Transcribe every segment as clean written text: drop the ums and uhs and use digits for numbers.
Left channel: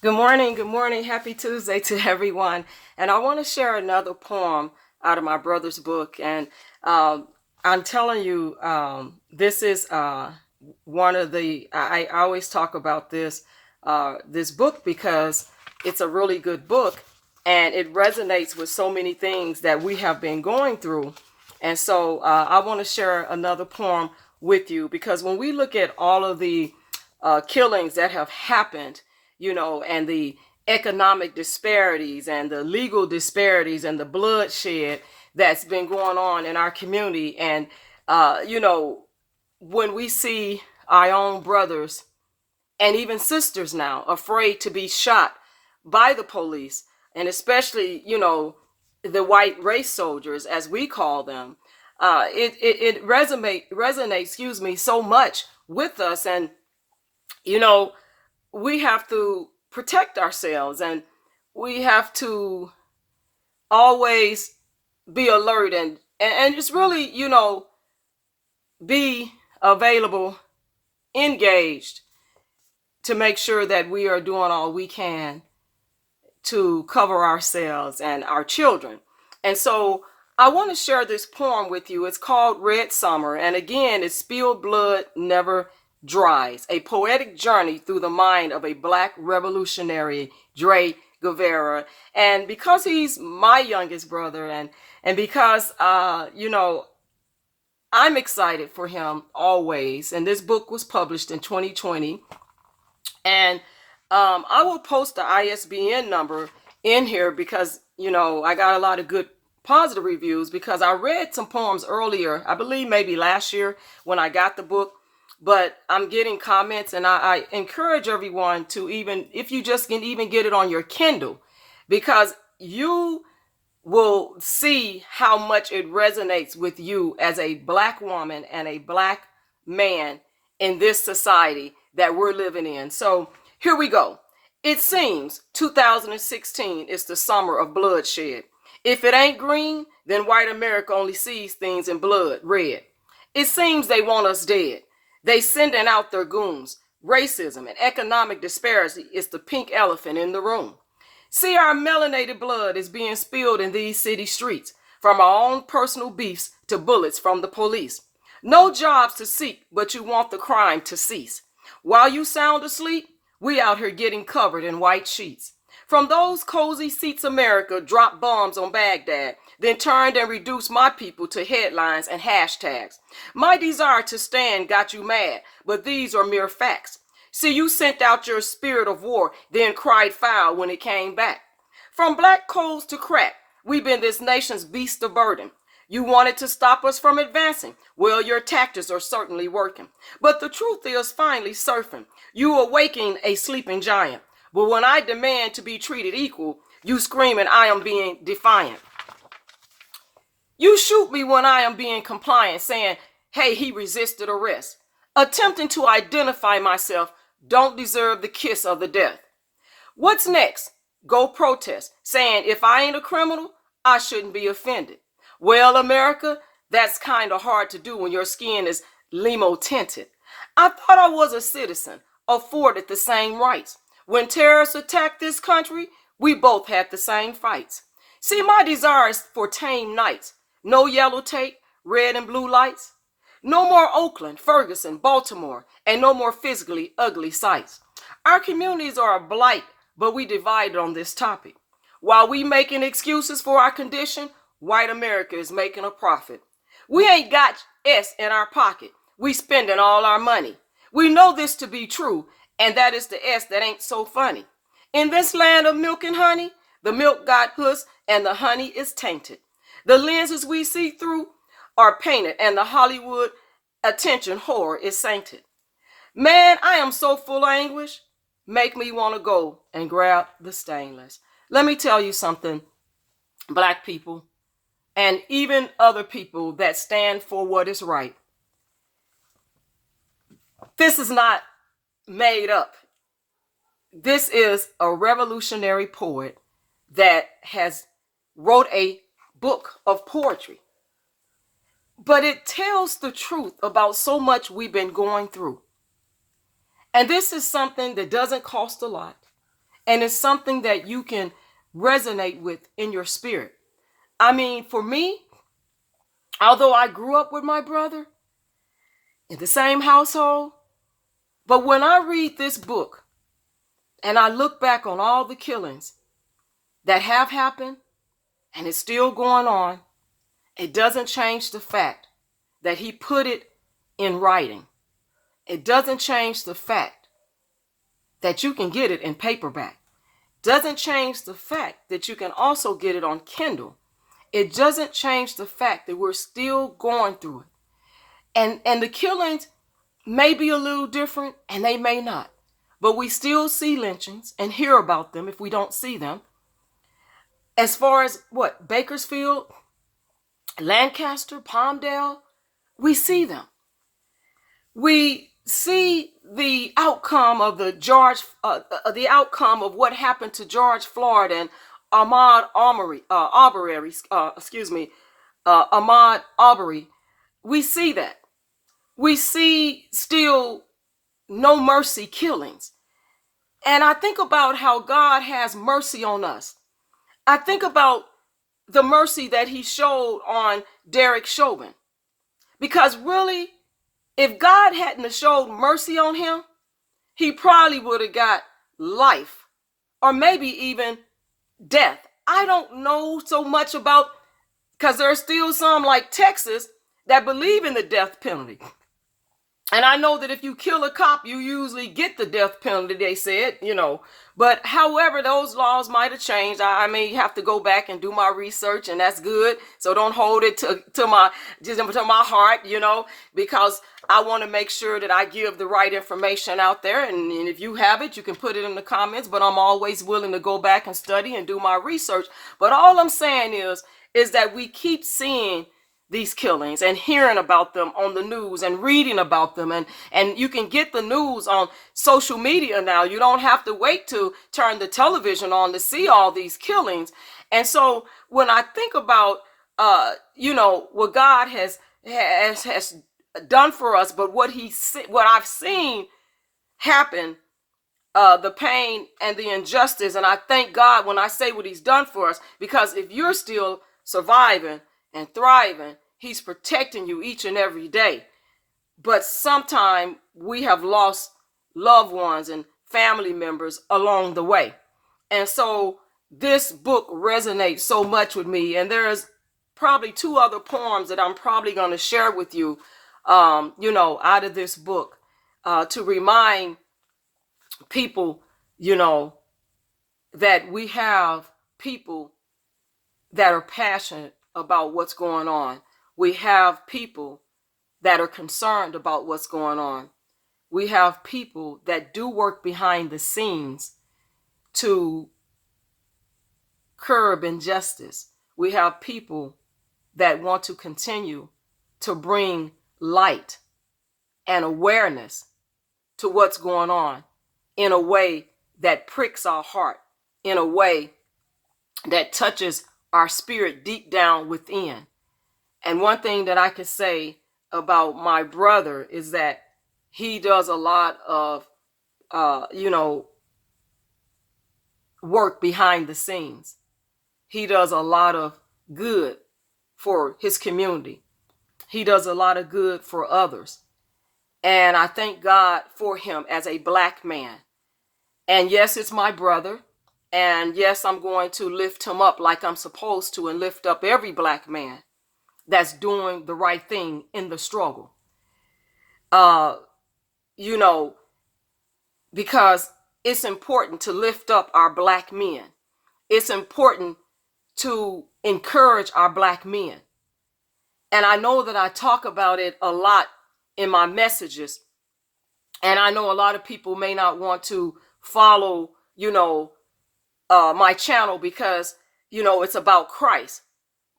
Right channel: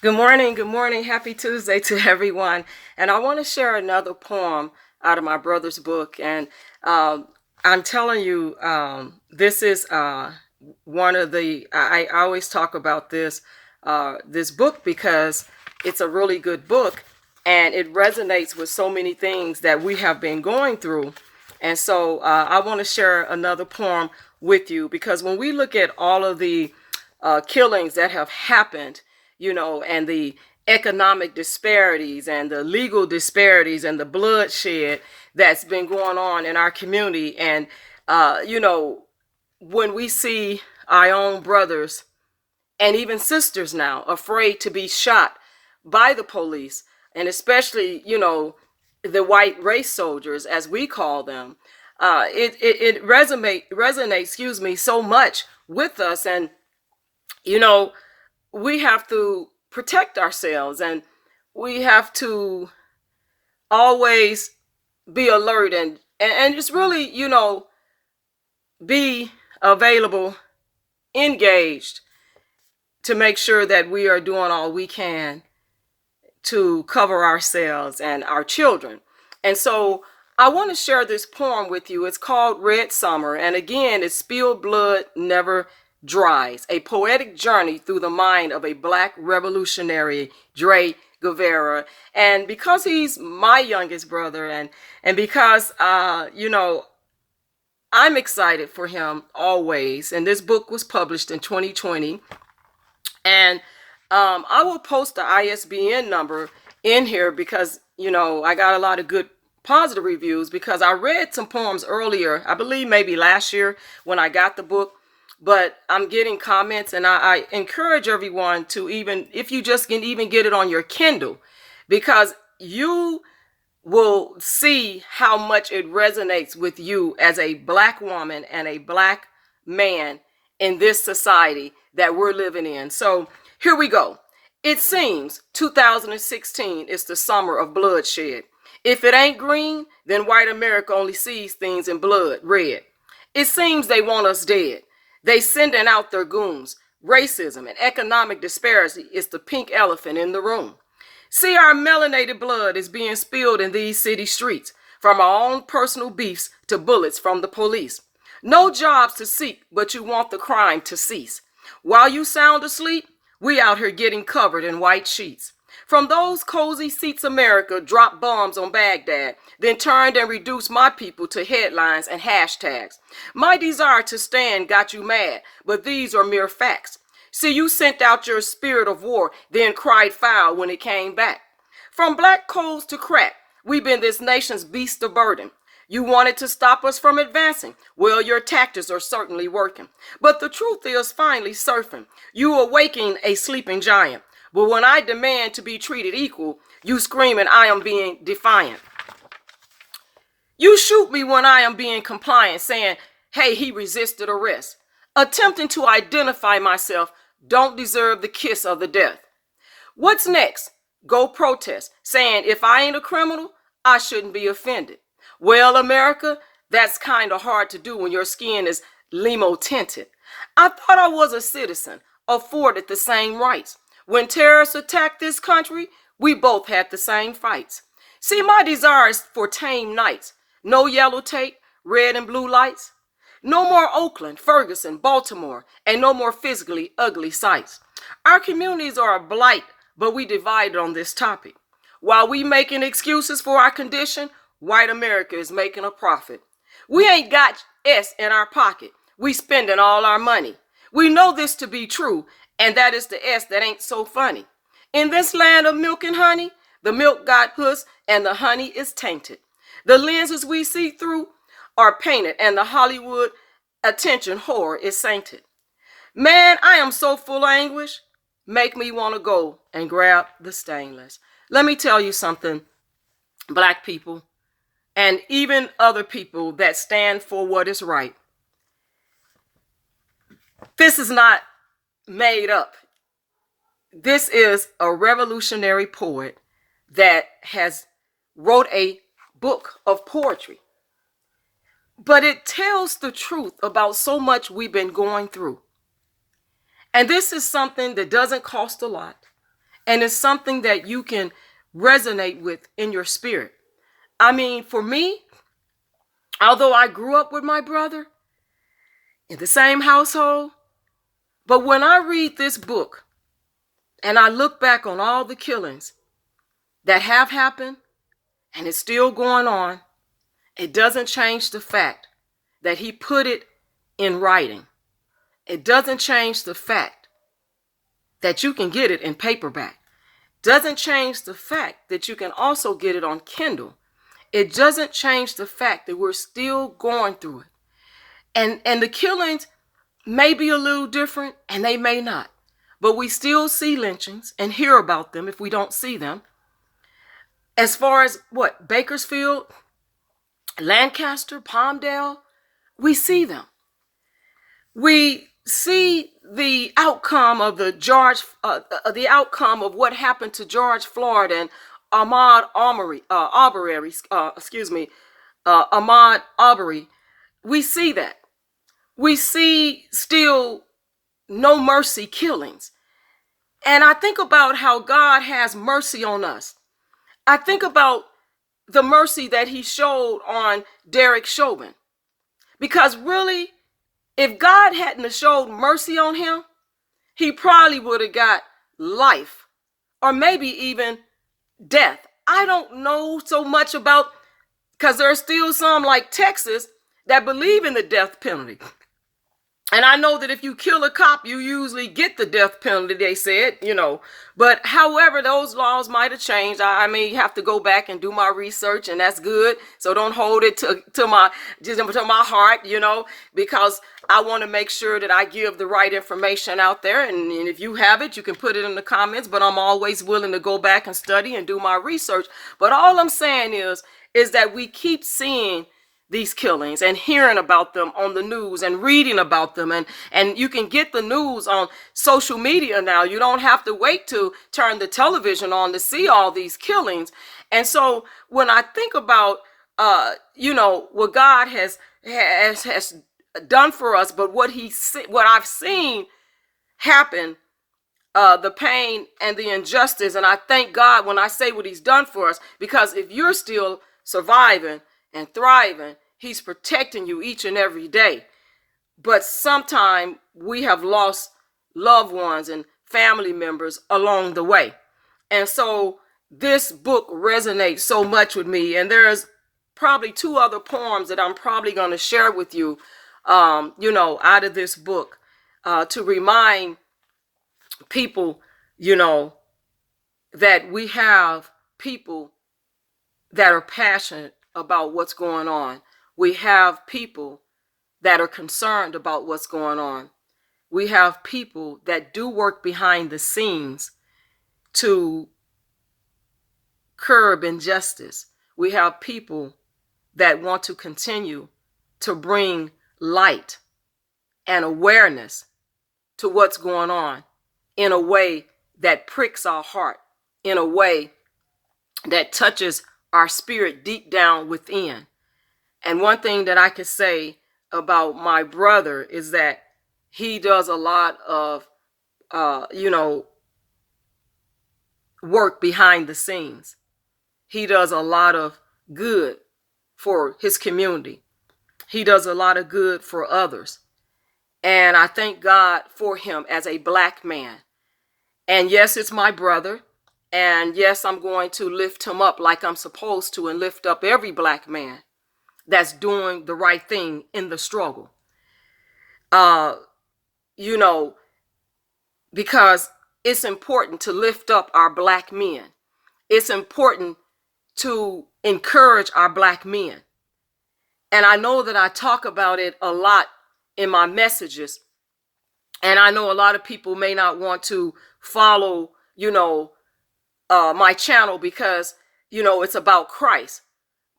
Good morning, good morning. Happy Tuesday to everyone. And I want to share another poem out of my brother's book. And I'm telling you, this is one of I always talk about this book because it's a really good book and it resonates with so many things that we have been going through. And so I want to share another poem with you because when we look at all of the killings that have happened, and the economic disparities and the legal disparities and the bloodshed that's been going on in our community. And, when we see our own brothers and even sisters now afraid to be shot by the police, and especially, the white race soldiers, as we call them, it resonates, so much with us. And, you know, we have to protect ourselves and we have to always be alert and just really, be available, engaged to make sure that we are doing all we can to cover ourselves and our children. And so I want to share this poem with you. It's called Red Summer. And again, it's Spilled Blood Never Dries, a poetic journey through the mind of a black revolutionary, Guevara. And because he's my youngest brother and because, I'm excited for him always. And this book was published in 2020. And I will post the ISBN number in here because, I got a lot of good positive reviews because I read some poems earlier, I believe maybe last year when I got the book, but I'm getting comments and I encourage everyone to, even if you just can even get it on your Kindle, because you will see how much it resonates with you as a black woman and a black man in this society that we're living in. So here we go. It seems 2016 is the summer of bloodshed. If it ain't green, then white America only sees things in blood, red. It seems they want us dead. They sending out their goons. Racism and economic disparity is the pink elephant in the room. See, our melanated blood is being spilled in these city streets, from our own personal beefs to bullets from the police. No jobs to seek, but you want the crime to cease. While you sound asleep, we out here getting covered in white sheets. From those cozy seats, America dropped bombs on Baghdad, then turned and reduced my people to headlines and hashtags. My desire to stand got you mad, but these are mere facts. See, you sent out your spirit of war, then cried foul when it came back. From black coals to crack, we've been this nation's beast of burden. You wanted to stop us from advancing. Well, your tactics are certainly working. But the truth is finally surfing. You awaken a sleeping giant. But when I demand to be treated equal, you screaming I am being defiant. You shoot me when I am being compliant, saying, hey, he resisted arrest. Attempting to identify myself don't deserve the kiss of the death. What's next? Go protest, saying if I ain't a criminal, I shouldn't be offended. Well, America, that's kind of hard to do when your skin is limo tinted. I thought I was a citizen, afforded the same rights. When terrorists attacked this country, we both had the same fights. See, my desire is for tame nights. No yellow tape, red and blue lights. No more Oakland, Ferguson, Baltimore, and no more physically ugly sights. Our communities are a blight, but we divided on this topic. While we making excuses for our condition, white America is making a profit. We ain't got S in our pocket. We spending all our money. We know this to be true, and that is the S that ain't so funny. In this land of milk and honey, the milk got hooks and the honey is tainted. The lenses we see through are painted and the Hollywood attention whore is sainted. Man, I am so full of anguish. Make me want to go and grab the stainless. Let me tell you something, black people, and even other people that stand for what is right. This is not made up. This is a revolutionary poet that has wrote a book of poetry. But it tells the truth about so much we've been going through. And this is something that doesn't cost a lot. And it's something that you can resonate with in your spirit. I mean, for me, although I grew up with my brother in the same household, but when I read this book and I look back on all the killings that have happened and it's still going on, it doesn't change the fact that he put it in writing. It doesn't change the fact that you can get it in paperback. Doesn't change the fact that you can also get it on Kindle. It doesn't change the fact that we're still going through it. And the killings may be a little different and they may not. But we still see lynchings and hear about them if we don't see them. As far as what? Bakersfield, Lancaster, Palmdale, we see them. We see the outcome of the outcome of what happened to George Floyd and Ahmaud Arbery. We see that. We see still no mercy killings. And I think about how God has mercy on us. I think about the mercy that he showed on Derek Chauvin. Because really, if God hadn't have showed mercy on him, he probably would have got life or maybe even death. I don't know so much about, because there's still some like Texas that believe in the death penalty. And I know that if you kill a cop, you usually get the death penalty, they said, But however, those laws might have changed. I may have to go back and do my research, and that's good. So don't hold it to my heart, because I want to make sure that I give the right information out there. And if you have it, you can put it in the comments. But I'm always willing to go back and study and do my research. But all I'm saying is that we keep seeing these killings and hearing about them on the news and reading about them. And you can get the news on social media now. You don't have to wait to turn the television on to see all these killings. And so when I think about, what God has done for us, but what I've seen happen, the pain and the injustice. And I thank God when I say what he's done for us, because if you're still surviving and thriving, he's protecting you each and every day. But sometimes we have lost loved ones and family members along the way. And so this book resonates so much with me. And there's probably 2 other poems that I'm probably going to share with you, out of this book, to remind people, that we have people that are passionate about what's going on. We have people that are concerned about what's going on. We have people that do work behind the scenes to curb injustice. We have people that want to continue to bring light and awareness to what's going on in a way that pricks our heart, in a way that touches our spirit deep down within. And one thing that I could say about my brother is that he does a lot of, work behind the scenes. He does a lot of good for his community. He does a lot of good for others. And I thank God for him as a Black man. And yes, it's my brother. And yes, I'm going to lift him up like I'm supposed to, and lift up every Black man that's doing the right thing in the struggle. Because it's important to lift up our Black men. It's important to encourage our Black men. And I know that I talk about it a lot in my messages. And I know a lot of people may not want to follow, my channel because, it's about Christ.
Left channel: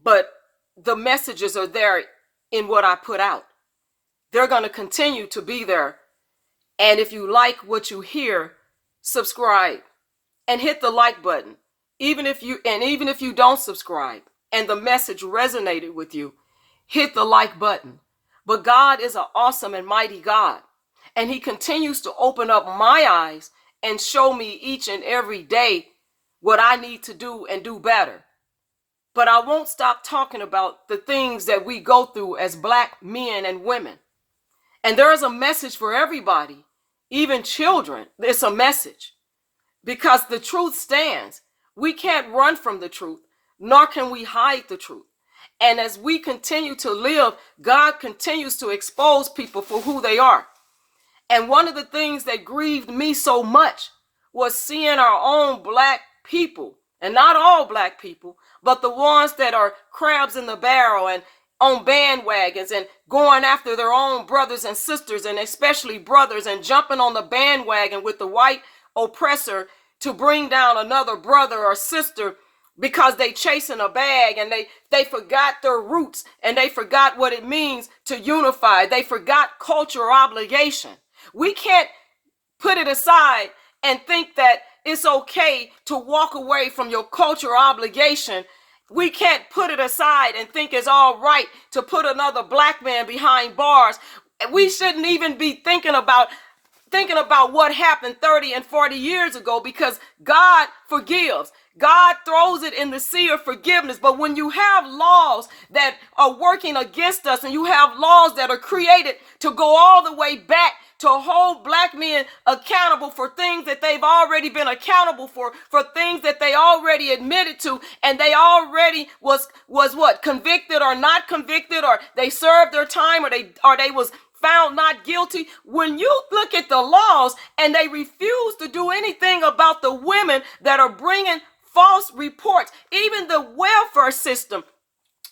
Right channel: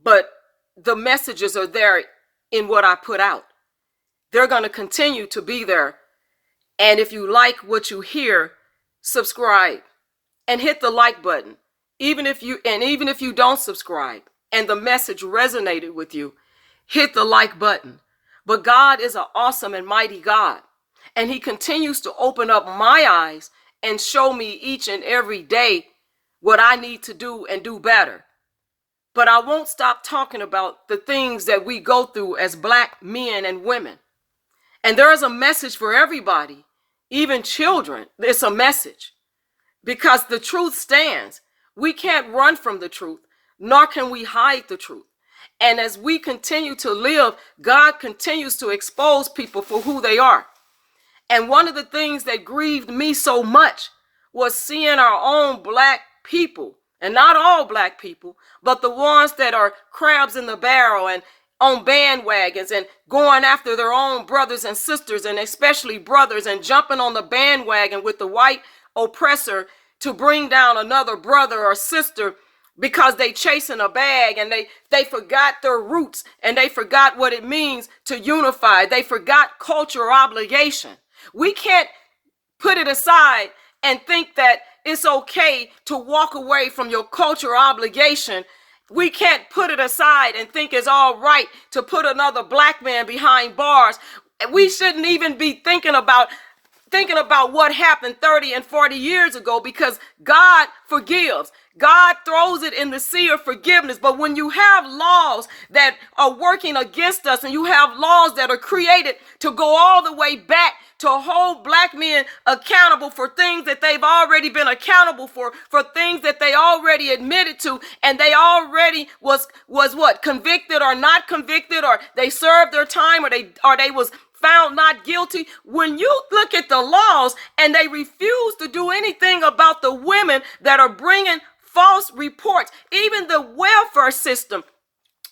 But the messages are there in what I put out. They're going to continue to be there. And if you like what you hear, subscribe and hit the like button. Even if you don't subscribe and the message resonated with you, hit the like button. But God is an awesome and mighty God. And he continues to open up my eyes and show me each and every day what I need to do and do better. But I won't stop talking about the things that we go through as Black men and women. And there is a message for everybody, even children. It's a message because the truth stands. We can't run from the truth, nor can we hide the truth. And as we continue to live, God continues to expose people for who they are. And one of the things that grieved me so much was seeing our own Black people, and not all Black people, but the ones that are crabs in the barrel and on bandwagons and going after their own brothers and sisters, and especially brothers, and jumping on the bandwagon with the white oppressor to bring down another brother or sister because they chasing a bag, and they forgot their roots, and they forgot what it means to unify. They forgot cultural obligation. We can't put it aside and think that it's okay to walk away from your cultural obligation. We can't put it aside and think it's all right to put another Black man behind bars. We shouldn't even be thinking about what happened 30 and 40 years ago, because God forgives. God throws it in the sea of forgiveness. But when you have laws that are working against us, and you have laws that are created to go all the way back to hold Black men accountable for things that they've already been accountable for things that they already admitted to, and they already was what, convicted or not convicted, or they served their time, or they was found not guilty. When you look at the laws and they refuse to do anything about the women that are bringing false reports, even the welfare system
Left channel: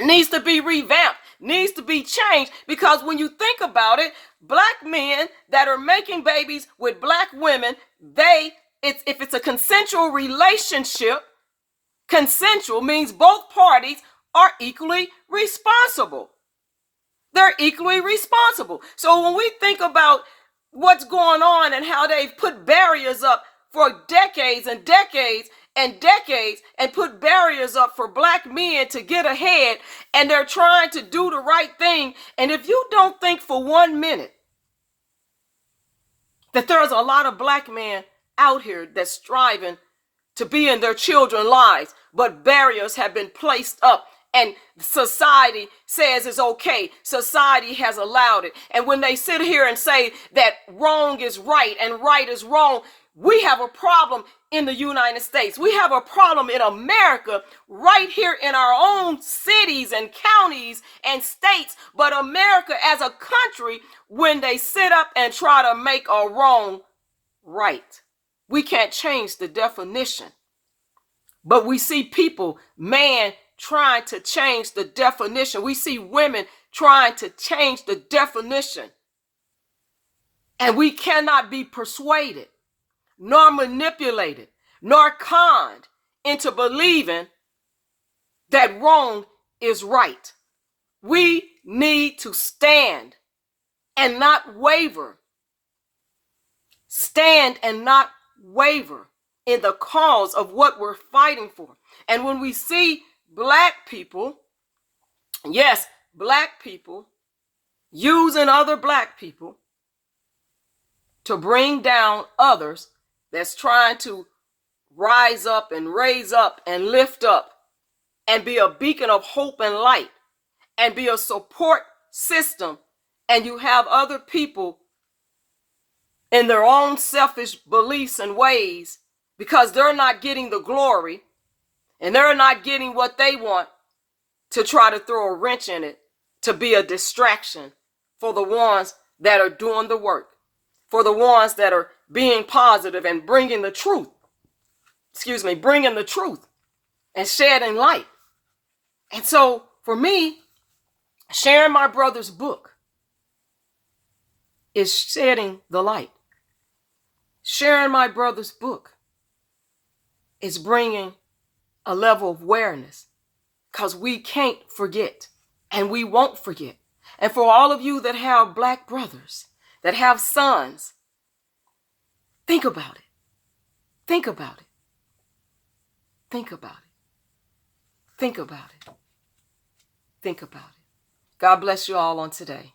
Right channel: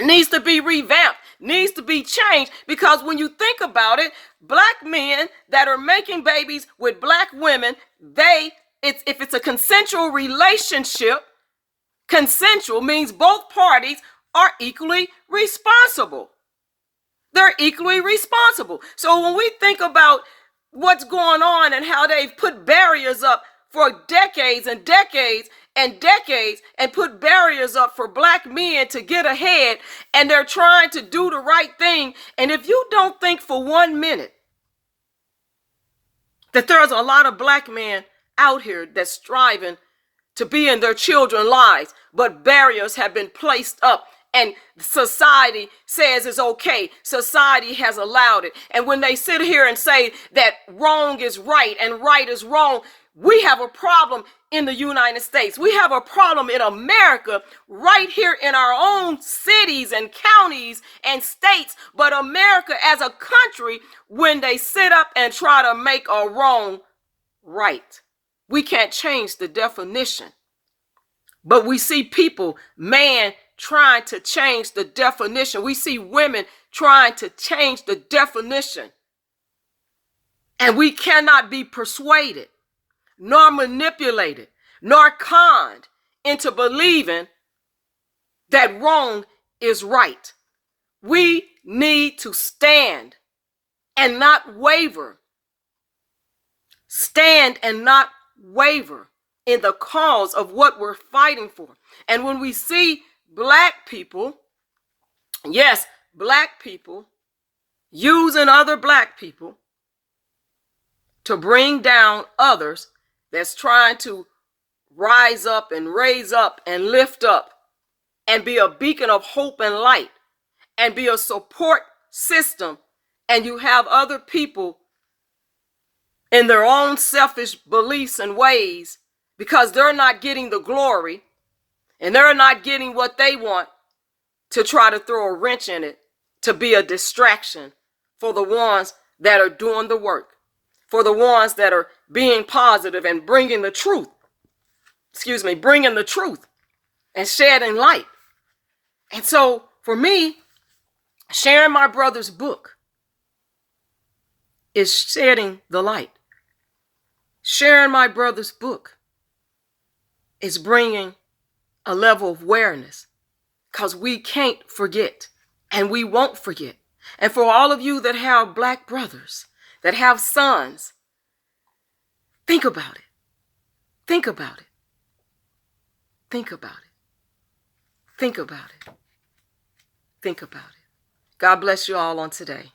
needs to be revamped, needs to be changed. Because when you think about it, Black men that are making babies with Black women, if it's a consensual relationship, consensual means both parties are equally responsible. They're equally responsible. So when we think about what's going on and how they've put barriers up for decades and decades and decades, and put barriers up for Black men to get ahead, and they're trying to do the right thing. And if you don't think for 1 minute that there's a lot of Black men out here that's striving to be in their children's lives, but barriers have been placed up, and society says it's okay. Society has allowed it. And when they sit here and say that wrong is right and right is wrong, we have a problem in the United States. We have a problem in America, right here in our own cities and counties and states. But America as a country, when they sit up and try to make a wrong right, we can't change the definition. But we see people, man, trying to change the definition. We see women trying to change the definition. And we cannot be persuaded, nor manipulated, nor conned into believing that wrong is right. We need to stand and not waver. Stand and not waver in the cause of what we're fighting for. And when we see Black people, yes, Black people using other Black people to bring down others that's trying to rise up and raise up and lift up and be a beacon of hope and light and be a support system, and you have other people in their own selfish beliefs and ways, because they're not getting the glory and they're not getting what they want, to try to throw a wrench in it, to be a distraction for the ones that are doing the work, for the ones that are being positive and bringing the truth, bringing the truth and shedding light. And so for me, sharing my brother's book is shedding the light. Sharing my brother's book is bringing a level of awareness, because we can't forget and we won't forget. And for all of you that have Black brothers, that have sons, think about it. Think about it. Think about it. Think about it. Think about it. God bless you all on today.